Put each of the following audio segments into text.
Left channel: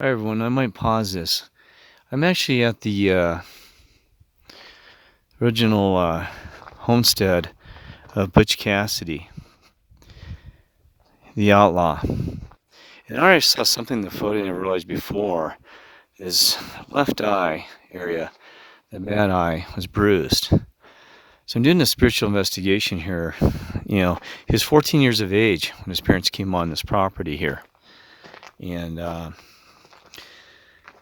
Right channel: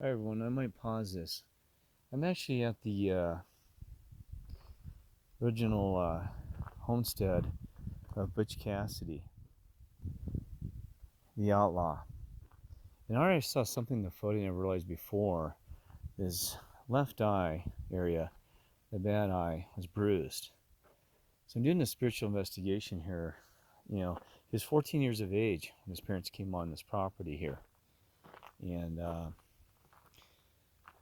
Hi everyone, I might pause this. I'm actually at the original homestead of Butch Cassidy, the outlaw. And I already saw something in the photo I never realized before. His left eye area, the bad eye, was bruised. So I'm doing a spiritual investigation here. He was 14 years of age when his parents came on this property here. And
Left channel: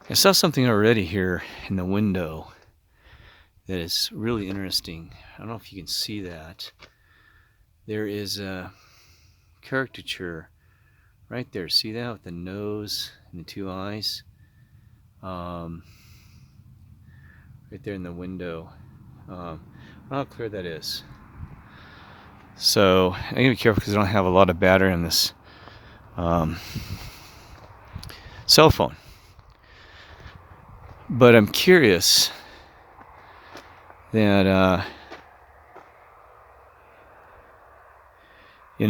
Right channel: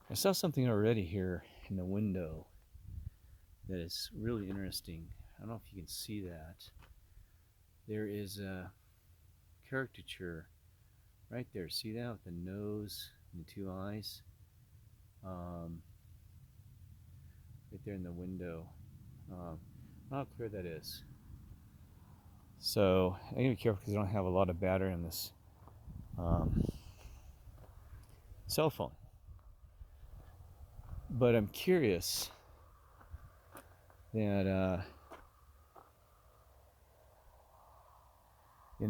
I saw something already here in the window that is really interesting. I don't know if you can see that. There is a caricature right there. See that with the nose and the two eyes? Right there in the window. I don't know how clear that is. So I gotta be careful because I don't have a lot of battery on this cell phone. But I'm curious that if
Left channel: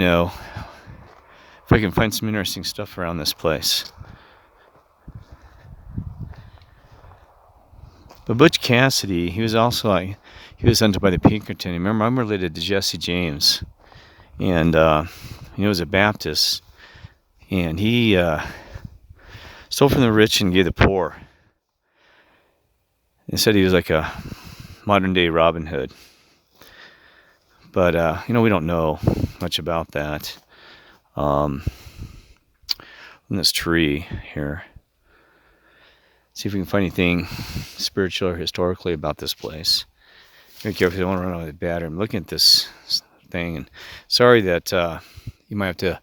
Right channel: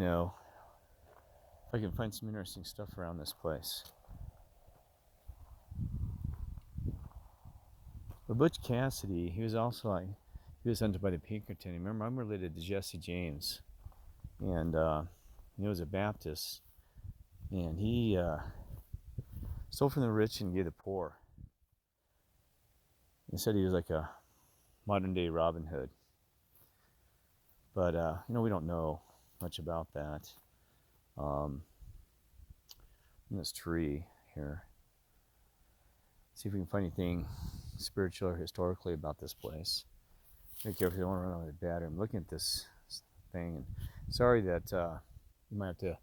I can find some interesting stuff around this place. But Butch Cassidy, he was hunted by the Pinkerton. Remember, I'm related to Jesse James, and he was a Baptist, and he stole from the rich and gave the poor. They said he was like a modern day Robin Hood, but we don't know much about that. In this tree here, see if we can find anything spiritual or historically about this place. Be careful, I don't want to run out of the battery. I'm looking at this thing, and sorry that you might have to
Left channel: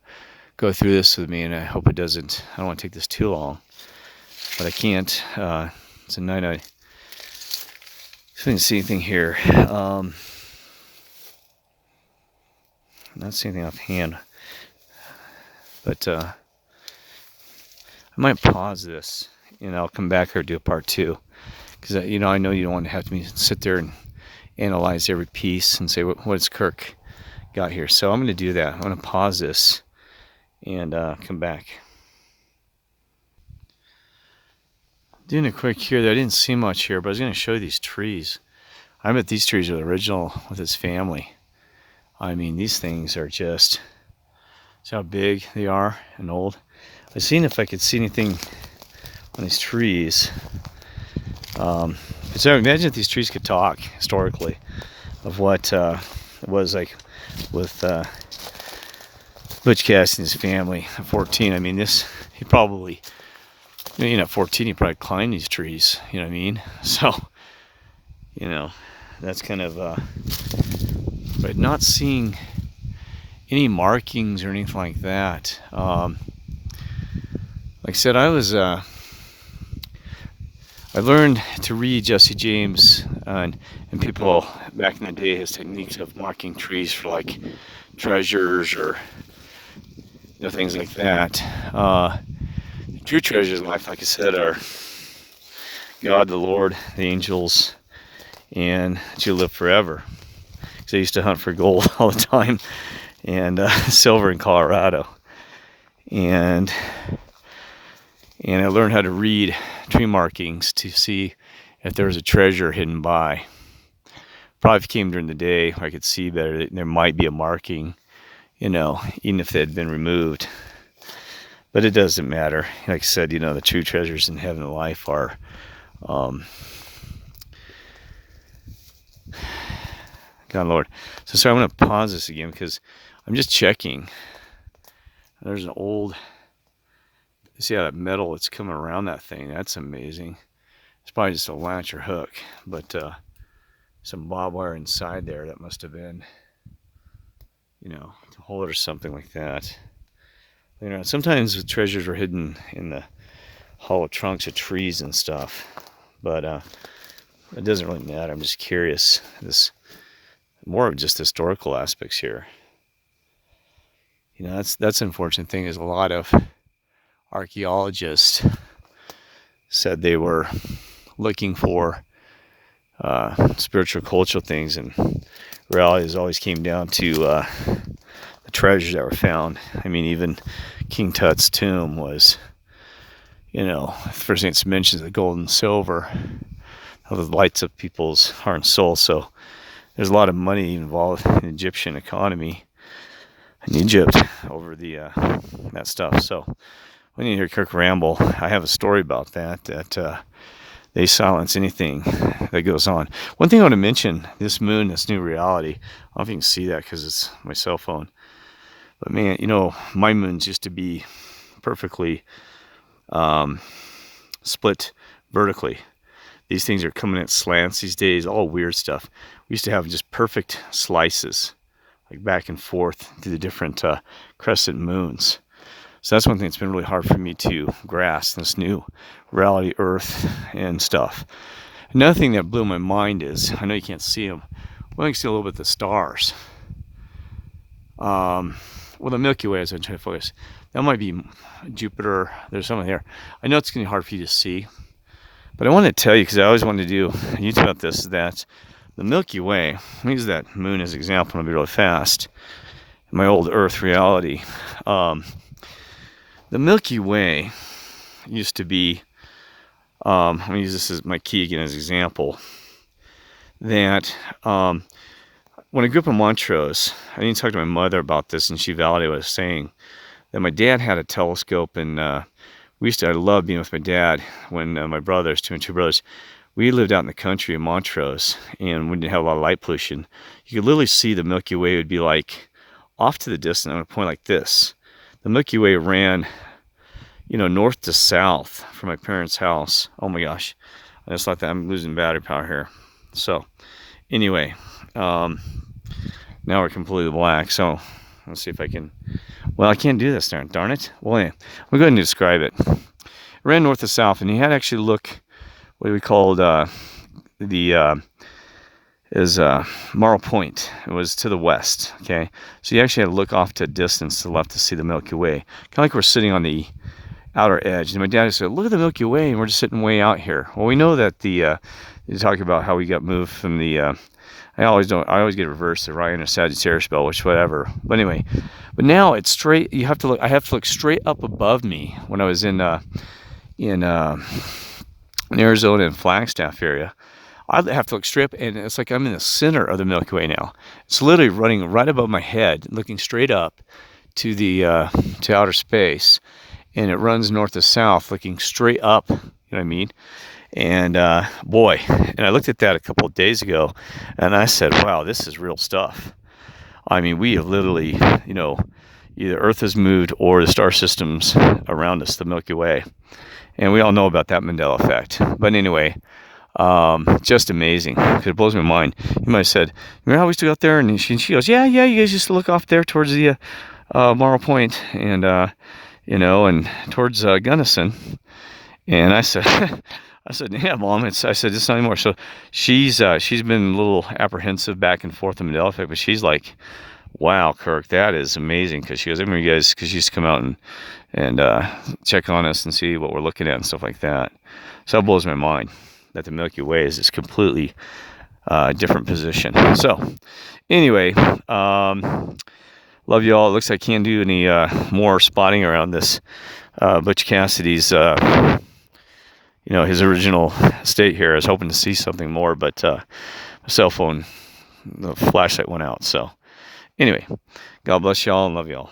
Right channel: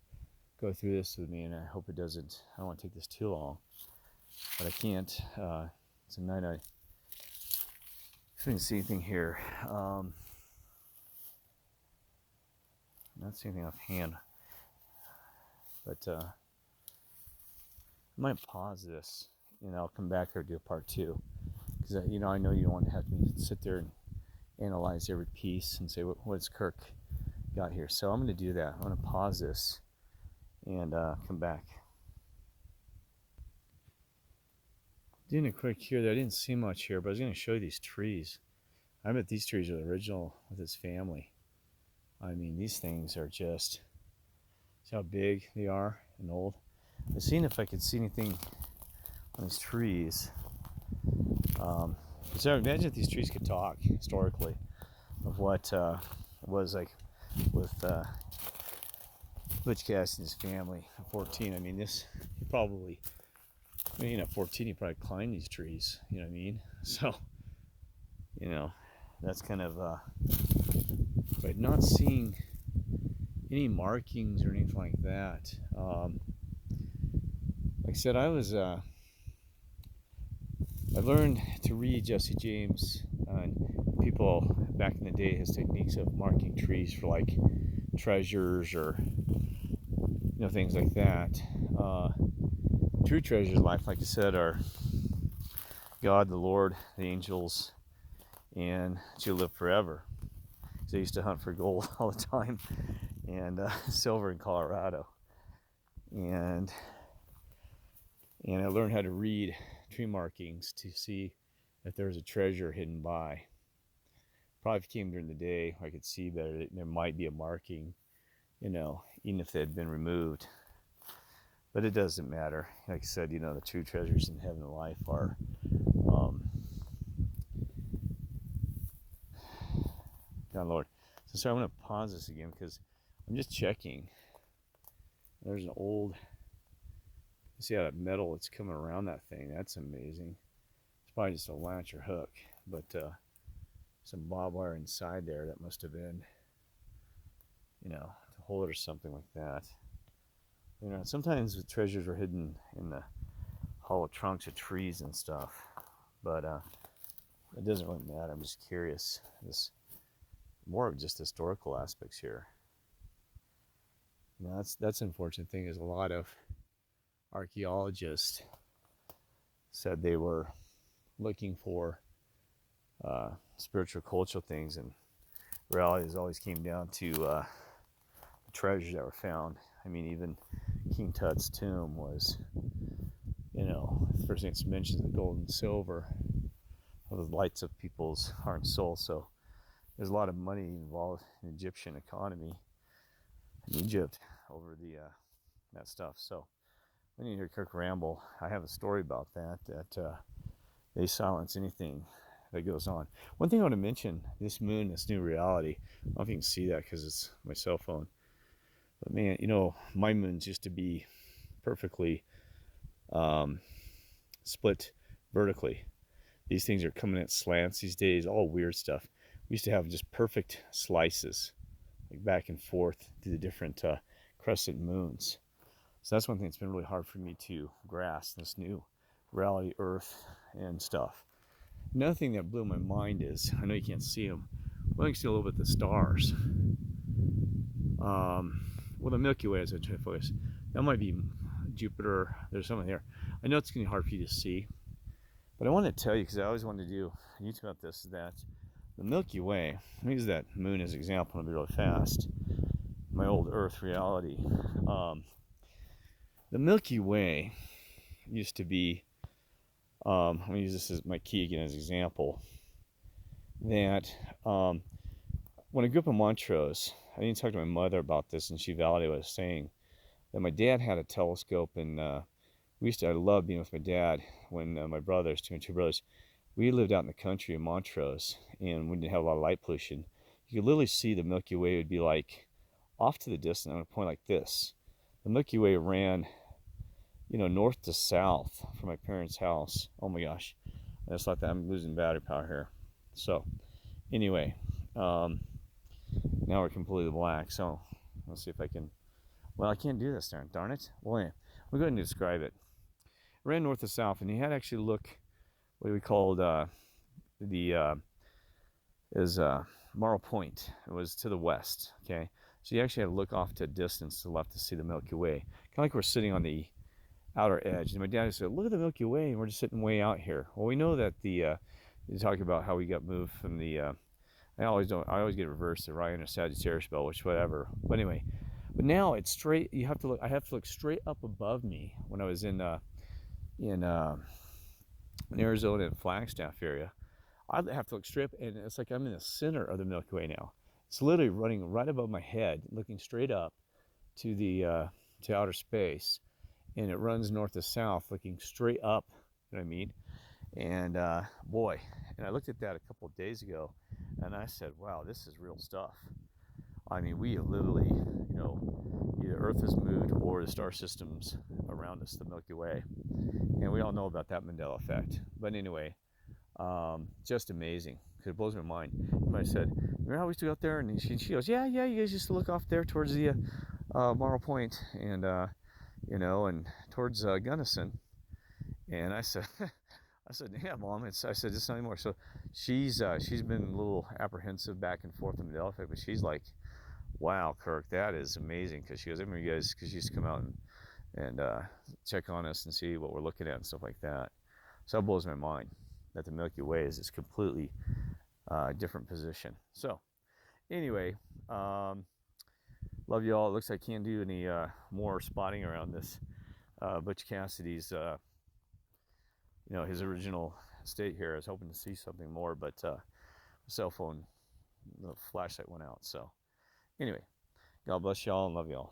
go through this with me, and I hope it doesn't. I don't want to take this too long, but I can't. It's a night. I didn't see anything here. Not seeing anything offhand, but I might pause this, and I'll come back or do a part two, because I know you don't want to have me sit there and analyze every piece and say what's Kirk got here. So I'm going to do that. I'm going to pause this and come back. Doing a quick here. I didn't see much here, but I was going to show you these trees. I bet these trees are the original with his family. I mean, these things are just, see how big they are and old. I was seeing if I could see anything on these trees. So imagine if these trees could talk historically of what it was like with Butch Cassidy and his family at 14. I mean, he probably, at 14, he probably climbed these trees, you know what I mean? So, that's kind of, but not seeing any markings or anything like that. Like I said, I learned to read Jesse James and people back in the day, his techniques of marking trees for like treasures or things like that. The true treasures in life, like I said, are God, the Lord, the angels, and that you live forever. Because I used to hunt for gold all the time and silver in Colorado, and I learned how to read tree markings to see if there was a treasure hidden by. Probably if it came during the day where I could see better, there might be a marking, even if they had been removed. But it doesn't matter. Like I said, the true treasures in heaven and life are God Lord. So sorry, I'm going to pause this again because I'm just checking. There's an old, see how that metal that's coming around that thing, that's amazing. It's probably just a latch or hook, but some barbed wire inside there that must have been, to hold it or something like that. Sometimes the treasures were hidden in the hollow trunks of trees and stuff, but it doesn't really matter. I'm just curious. This more of just historical aspects here. That's an unfortunate thing is a lot of archaeologists said they were looking for spiritual cultural things, and reality has always came down to the treasures that were found. I mean, even King Tut's tomb was, first thing it mentions the gold and silver, how it lights up people's heart and soul. So there's a lot of money involved in the Egyptian economy in Egypt over that stuff. So when you hear Kirk ramble, I have a story about that they silence anything that goes on. One thing I want to mention, this moon, this new reality, I don't know if you can see that because it's my cell phone. But man, my moons used to be perfectly split vertically. These things are coming at slants these days, all weird stuff. We used to have just perfect slices, like back and forth through the different crescent moons. So that's one thing that's been really hard for me to grasp, this new reality, Earth and stuff. Another thing that blew my mind is, I know you can't see them, well, you can see a little bit of the stars. Well, the Milky Way, as I'm trying to focus, that might be Jupiter. There's something there. I know it's going to be hard for you to see, but I want to tell you, because I always wanted to do a YouTube about this, that the Milky Way, I'll use that moon as an example, and I'll be really fast, my old Earth reality. The Milky Way used to be, I'm going to use this as my key again as an example, that when I grew up in Montrose, I didn't talk to my mother about this, and she validated what I was saying, that my dad had a telescope, and I loved being with my dad when my brothers, two brothers, we lived out in the country in Montrose, and we didn't have a lot of light pollution. You could literally see the Milky Way would be like off to the distance. I'm going to point like this. The Milky Way ran, north to south from my parents' house. Oh my gosh. I just thought that I'm losing battery power here. So anyway, now we're completely black. So let's see if I can, well, I can't do this, darn it. Well, yeah, I'm going to describe it. It ran north to south, and you had to actually look what we called Marl Point. It was to the west, okay? So you actually had to look off to a distance to the left to see the Milky Way. Kind of like we're sitting on the outer edge. And my dad said, look at the Milky Way, and we're just sitting way out here. Well, we know that you talk about how we got moved from I always get reversed, the Orion or Sagittarius belt, which whatever. But anyway, but now it's straight, I have to look straight up above me when I was in Arizona and Flagstaff area. I have to look straight up, and it's like I'm in the center of the Milky Way now. It's literally running right above my head, looking straight up to to outer space, and it runs north to south, looking straight up. You know what I mean? And boy, and I looked at that a couple of days ago, and I said, "Wow, this is real stuff." I mean, we have literally, either Earth has moved or the star systems around us, the Milky Way, and we all know about that Mandela Effect. But anyway. Just amazing, because it blows my mind. You might have said, remember how we stood out there? And she goes, yeah, you guys just look off there towards the Marl Point and and towards Gunnison. And I said, yeah, Mom. I said, it's not anymore. So she's been a little apprehensive back and forth in Mandela Effect, but she's like, wow, Kirk, that is amazing. Because she goes, I remember you guys, because she used to come out and check on us and see what we're looking at and stuff like that. So it blows my mind that the Milky Way is this completely different position. So anyway, love you all. It looks like I can't do any more spotting around this Butch Cassidy's his original state here. I was hoping to see something more, but my cell phone, the flashlight went out. So anyway, God bless y'all and love y'all.